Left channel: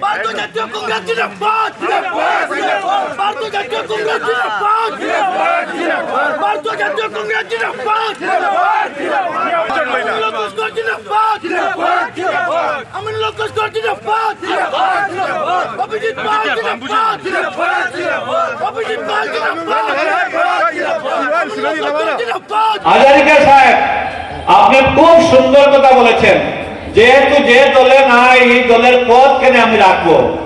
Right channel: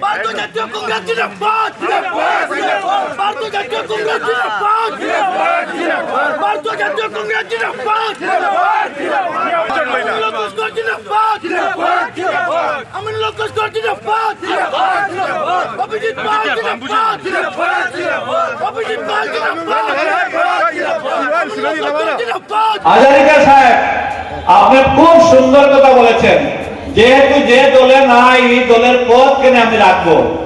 ভারতীয় জাতীয়- ভারতীয় জাতীয় কংগ্রেস, জিন্দাবাদ। আমিনুল হক লস্কর জিন্দাবাদ। লস্কর জিন্দাবাদ আমিনুল হক লস্কর তোমায় জানাই স্বাগতম আমিনুল হক লস্কর আগে বাড়ো হাম তোমারা সাথ হ্যায় আমিনুল হক লস্কর আগে বাড়ো হাম তোমারা সাথ হ্যায় ভারতীয় জাতীয় কংগ্রেস জিন্দাবাদ আপনি খুব সুন্দর কথা বলেছেন। যেহেতু যে দলে নাই, এই দলের পদ কেন আমি রাখব?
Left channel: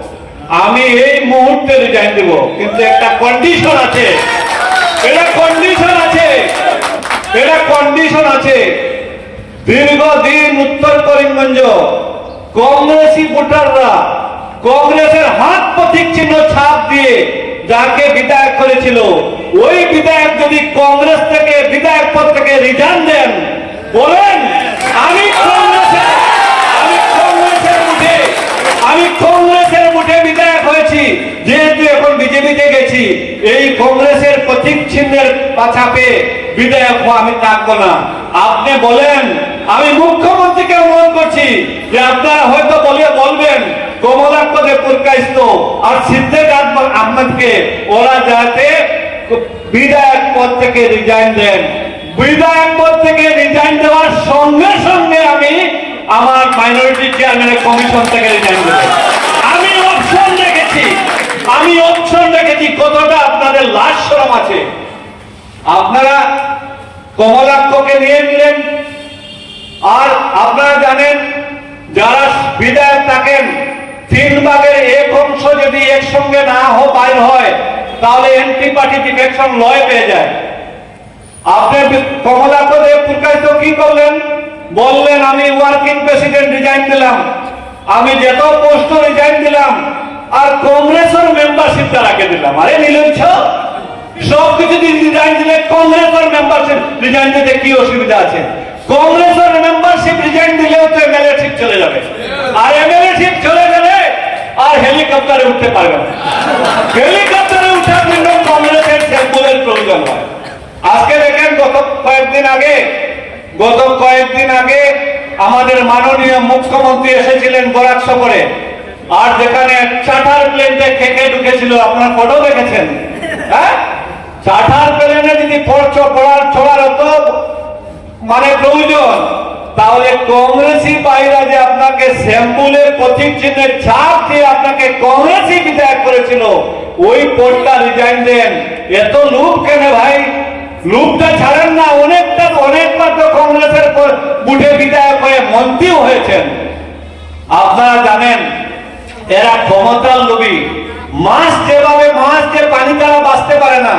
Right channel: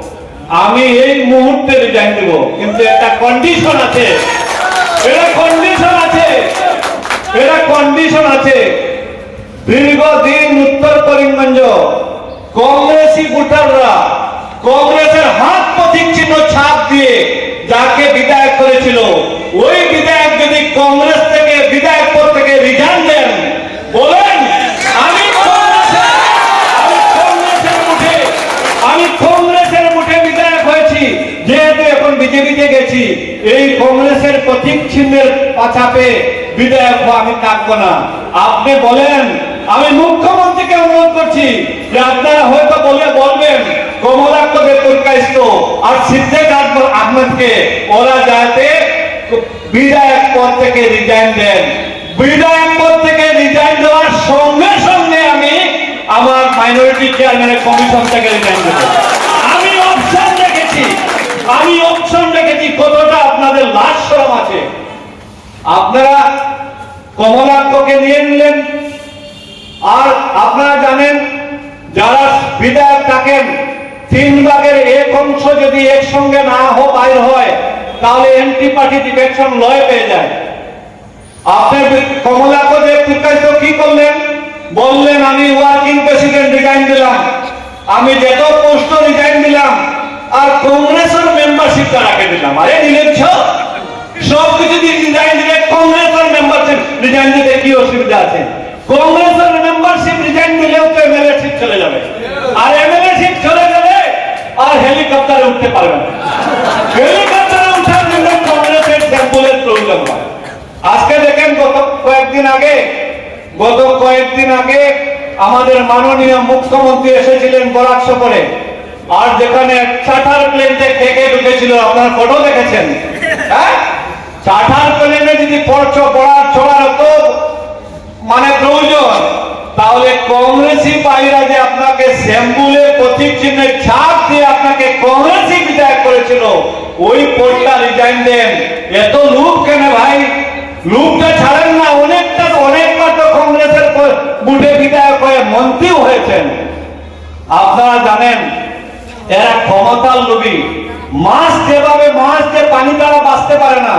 আমি এই মুহূর্তে রিজাইন দেব। কিন্তু একটা কন্ডিশন আছে। এটা কন্ডিশন আছে। এটা কন্ডিশন আছে। দীর্ঘদিন উত্তর করিমগঞ্জ, কংগ্রেসি ভোটাররা কংগ্রেসের হাত প্রতীক চিহ্ন ছাপ দিয়ে যাকে বিদায় করেছিল, ওই বিধায়ক যদি কংগ্রেস থেকে বিধায়ক পদ থেকে রিজাইন দেন বলেন, আমি আমি কংগ্রেসের মুঠে আমি কংগ্রেসের মুঠে বিধায়ক হয়েছি যেহেতু এখন বিজেপিতে গেছি। এই কংগ্রেসের প্রতীক চিহ্নের পাছাপে বিধায়ক আমি থাকব না। আপনি বলেন, আমি মুখ্যমন্ত্রীকে অনুরোধ করছি যে আপনারা হয়তো বলে বলবেন কমলাক্ষদে পুরকাইস্ত আর সিদ্দিক আকবর আহমেদকে, ওরা যাতে বিধায়ক পদ থেকে রিজাইন দেন। বিধায়ক পদ থেকে দেওয়ার সঙ্গে সঙ্গে আমি আমার মাইনরিটি চেয়ারম্যানের কমিশন থেকে রিজাইন দেব আমি অপশন রেখেছি আমি অপশন রেখেছি কতটা আপনাদের লাশ শ্রম আছে। আপনারা কমলাক্ষকে নিয়ে নিলেন। আর আপনারা জানেন, যারা বিধায়ক থাকেন, তিন ভাগের এক অংশ যদি একসঙ্গে না হো বাইর হয়, তাহলে এন্টি পার্টি ডিফেকশন লয় পেয়ে যায়। আপনি কমলাপদে প্রকাশিত কি করলেন? বললেন আমি ওয়ার্কিং প্রেসিডেন্ট রিজাইন দিলাম। আমি যেত পোস্ট রিজাইন দিলাম আর কংগ্রেসের মেম্বারশিপটা রাখে দিলাম। আরে নিলেন সব কিছু রিজাইন দিলে কংগ্রেসের মেম্বারশিপ রিজাইন দিতে কি অসুবিধা আছে? কংগ্রেসের মেম্বারশিপ রিজাইন দিলেও তো এমএলএ শিপ চলে যাবে। আর এমএলএ শিপ চলে গেলে আর হেলিকপ্টারে উঠতে পারবে না। হেলিকপ্টারে উঠার জন্য কংগ্রেসের স্যাম্পলের প্রয়োজন হয়। আজকে দেখেন গত কয়েকদিন আগে, গত কয়েকদিন আগে আমাদের মাননীয় মুখ্যমন্ত্রী এসেছিলেন বরাক সফরে। আর যেখানে চার্টার প্লেনটা খেকে ঢুকেছিল, আপনার ফটো দেখেছেন? হ্যাঁ? চার্টার প্লেনে যদি পড়ছো পড়ার ছোড়ার হতো মানে প্রয়োজন। তাহলে কংগ্রেসি পাইরা যে আপনাকে স্যাম্পুলের প্রতীক চিহ্নের ছাপ দিয়ে আপনাকে কংগ্রেসি বিদায় করেছিল। ওই পদটা রিজাইন দেন। এত লুপ কেন ভাই? লুপটা ছাড়েন না, অনেকটা, অনেকবার তো কংগ্রেসের বুথে বিধায়ক হয়ে মন্ত্রীও হয়েছেন। আপনারা জানেন, এরা ক্ষমতার লোভী। মাছ যেভাবে, মাছ যে পানি তারা বাঁচতে পারে না।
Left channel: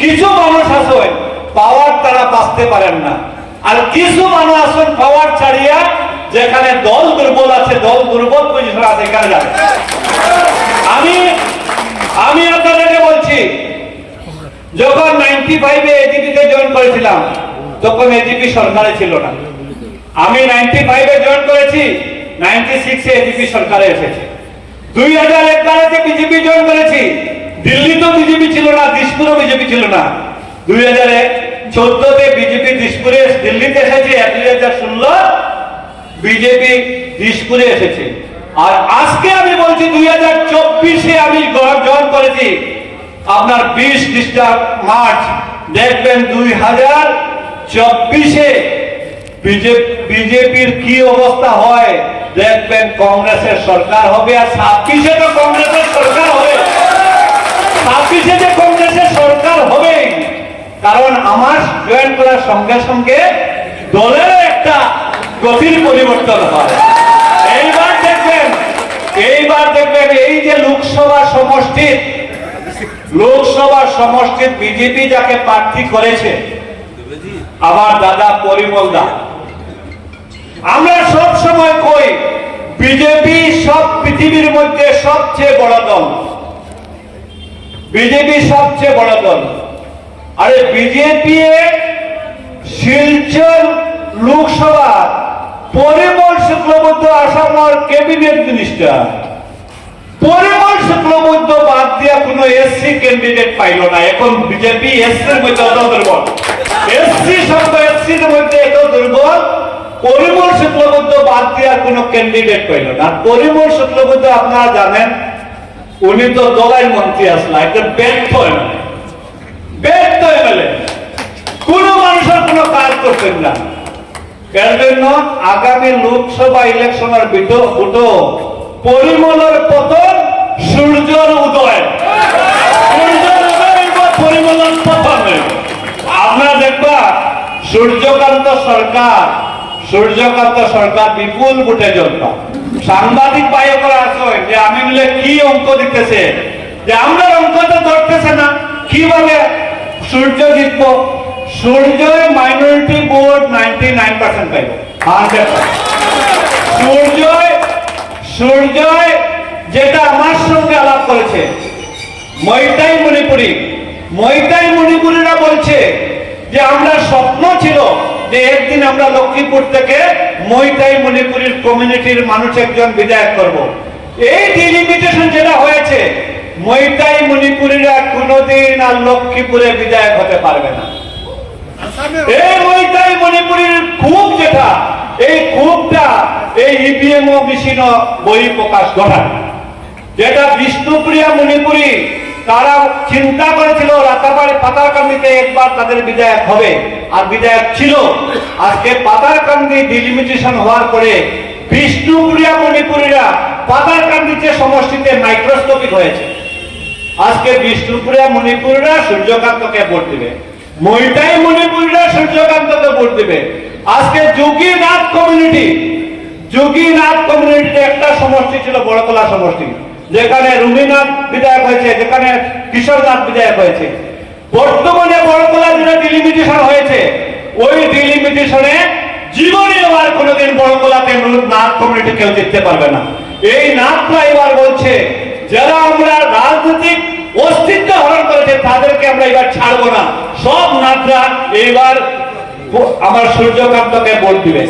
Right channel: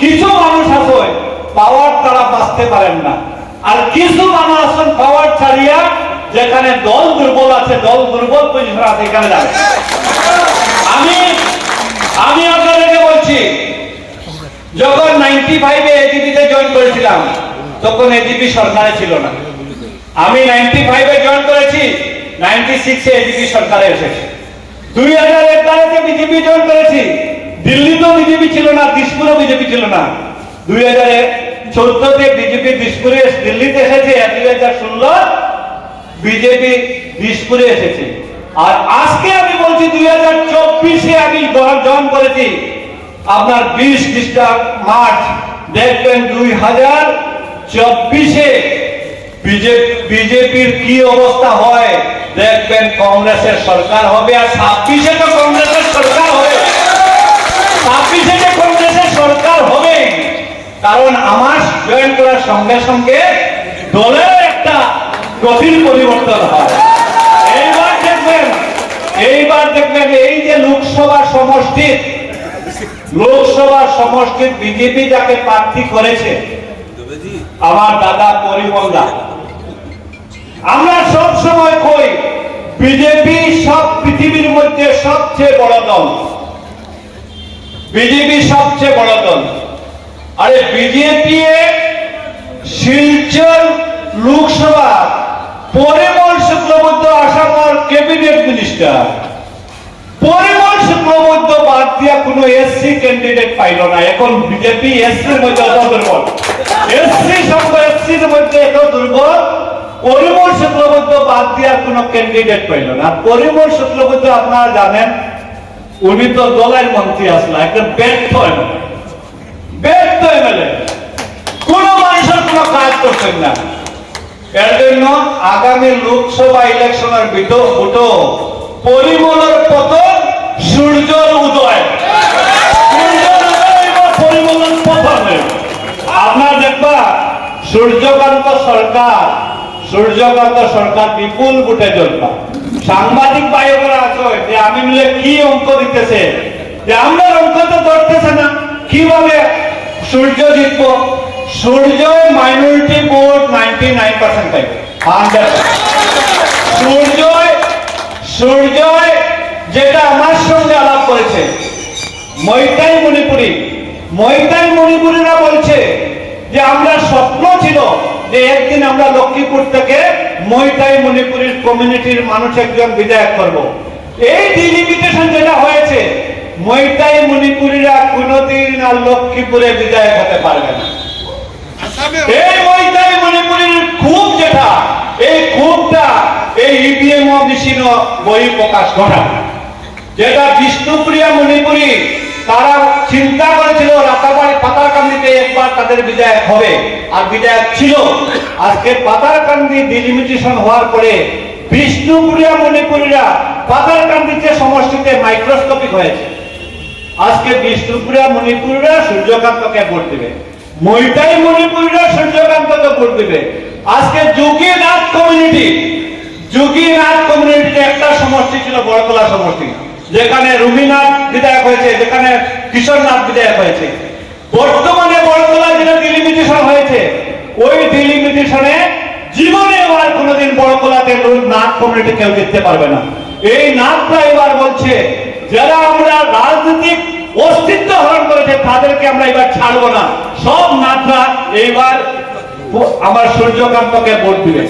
কিছু মানুষ আছে পাওয়ার তারা বাঁচতে পারেন না। আর কিছু মানুষ আছেন পাওয়ার ছাড়িয়া যেখানে দল দুর্বল আছে, দল দুর্বল পজিশন আছে, এখানে আমি আমি আপনাদেরকে বলছি যখন নাইনটি ফাইভে এজিপিতে জয়েন করেছিলাম, তখন এজিপি সরকারে ছিল না। আমি নাইনটি ফাইভে জয়েন করেছি নাইনটি সিক্সে এজিপি সরকারে এসেছে। দুই হাজার এগারোতে বিজেপি জয়েন করেছি, দিল্লিতেও বিজেপি ছিল না, দিসপুরও বিজেপি ছিল না। দুই হাজারে চোদ্দতে বিজেপি দিসপুরে, দিল্লিতে এসেছে দুই হাজার ষোলো বিজেপি দিসপুরে এসেছে। আর আজকে আমি বলছি, দুই হাজার চব্বিশে আমি জয়েন করেছি। আপনার বিশ ডিস্টার্ব মার্চ দেখবেন দুই হাজার চব্বিশে বিজেপির কি অবস্থা হয় দেখবেন কংগ্রেসের সরকার হবে আর ছাব্বিশে তো কংগ্রেসের সরকার হবে। ছাব্বিশে যে কংগ্রেসের সরকার হবে, কারণ আমার জয়েন করার সঙ্গে সঙ্গে দলের একটা গতির পরিবর্তন হয়। এইবার দেখবেন এইবার দেখবেন এই যে লোকসভা সমষ্টির লোকসভা সমষ্টির বিজেপি যাকে প্রার্থী করেছে, আমার দাদা পরিমল দা আমরা সব সময় কই, বিজেপি সব পৃথিবীর মধ্যে সবচেয়ে বড় দল। বিজেপি সবচেয়ে বড় দল। আরে বিজেপি শিলচর লোকসভা, পরিমল শুক্লবৈদ্য আসামর ক্যাবিনেট মিনিস্টার। পরিমল শুক্লবৈদ্য বাদ দিয়া পাইল না। এখন বিজেপি এসসির মধ্যে অত দুর্বল। এসসি শব্দ এসসির মধ্যে এত দুর্বল, পরিমল শুক্লবৈদ্য বাদ দিয়া কোনো ক্যান্ডিডেট পাইল না। পরিমল শুক্লবৈদ্য আপনারা জানেন, উনি তো দলের মন্ত্রী আসলা একদম ব্যর্থ এমএলএ ব্যর্থ এমএলএ কোন মানুষের কোনো কাজ করছেন না। এর জন্য আগামী লোকসভা ইলেকশনের বিটো বুটো পরিমলের পতন সূর্যকান্ত সরকার সূর্যকান্ত সরকার বিপুল বুটে জনতা। সাংবাদিক ভাইয়েরা আছে, যে আমি মিলে কি অঙ্ক দিতেছে? যে আমরা অঙ্ক তো ধরতেছে না, কীভাবে সূর্য জিতবো? Surya minority vote ninety nine percent পাইবে সূর্য সূর্য যেটা আমার সঙ্গে আলাপ করেছে, মৈতাই মণিপুরি, মৈতাই মণিপুরীরা বলছে যে আমরা স্বপ্ন ছিল যে একদিন আমরা লক্ষ্মীপুর থেকে মৈতাই মণিপুরের কমিউনিটির মানুষ একজন বিধায়ক করব। এই ডিলিমিটেশন যেটা হয়েছে, মৈতাই মণিপুরীরা কোনোদিন আর লক্ষ্মীপুরে বিধায়ক হতে পারবে না। মণিপুরের খুব যেটা, এই এই বই প্রকাশ যেটা বিষ্ণুপ্রিয়া মণিপুরী তারা চিন্তা করেছিল, রাতাবাড়ি পাতারকান্দিতে একবার তাদের বিধায়ক হবে। আর বিধায়ক ছিল। আজকে পাতারকান্দি ডিলিমিটেশন হওয়ার পরে বিষ্ণুপ্রিয়া মণিপুরীরা পাতারকান্দিতে সমষ্টিতে মাইক্রোস্কোপিক হয়েছে। আজকে বিষ্ণুপুরিয়া মণিপুরীরা সূর্যকান্তকে ভোট দিবে। মইটাই মণিপুরীরা সূর্যকান্তকে ভোট দিবে। আজকে যোগীনাথ কমিউনিটি, যোগীনাথ কমিউনিটিতে একটা সমষ্টি ছিল, বড়তলা সমষ্টি। যেখানে রুমিনাথ বিধায়ক হয়েছে, যেখানে কিশোরনাথ বিধায়ক হয়েছে। বর্তমানে বড়তলা যেটা ডিলিমিটেশন হয়েছে। ওই ডিলিমিটেশনে জীবনে এবার কোনোদিন বড়তলাতে নাথ কমিউনিটি কেউ জিততে পারবে না। এই নাথরা এবার বলছে, যারা আমরা রাজনৈতিক অস্তিত্ব হরণ করেছে, তাদেরকে আমরা এবার ছাড়বো না। সব নাথরা এইবার আমার সূর্যকান্তকে ভোট দিবে।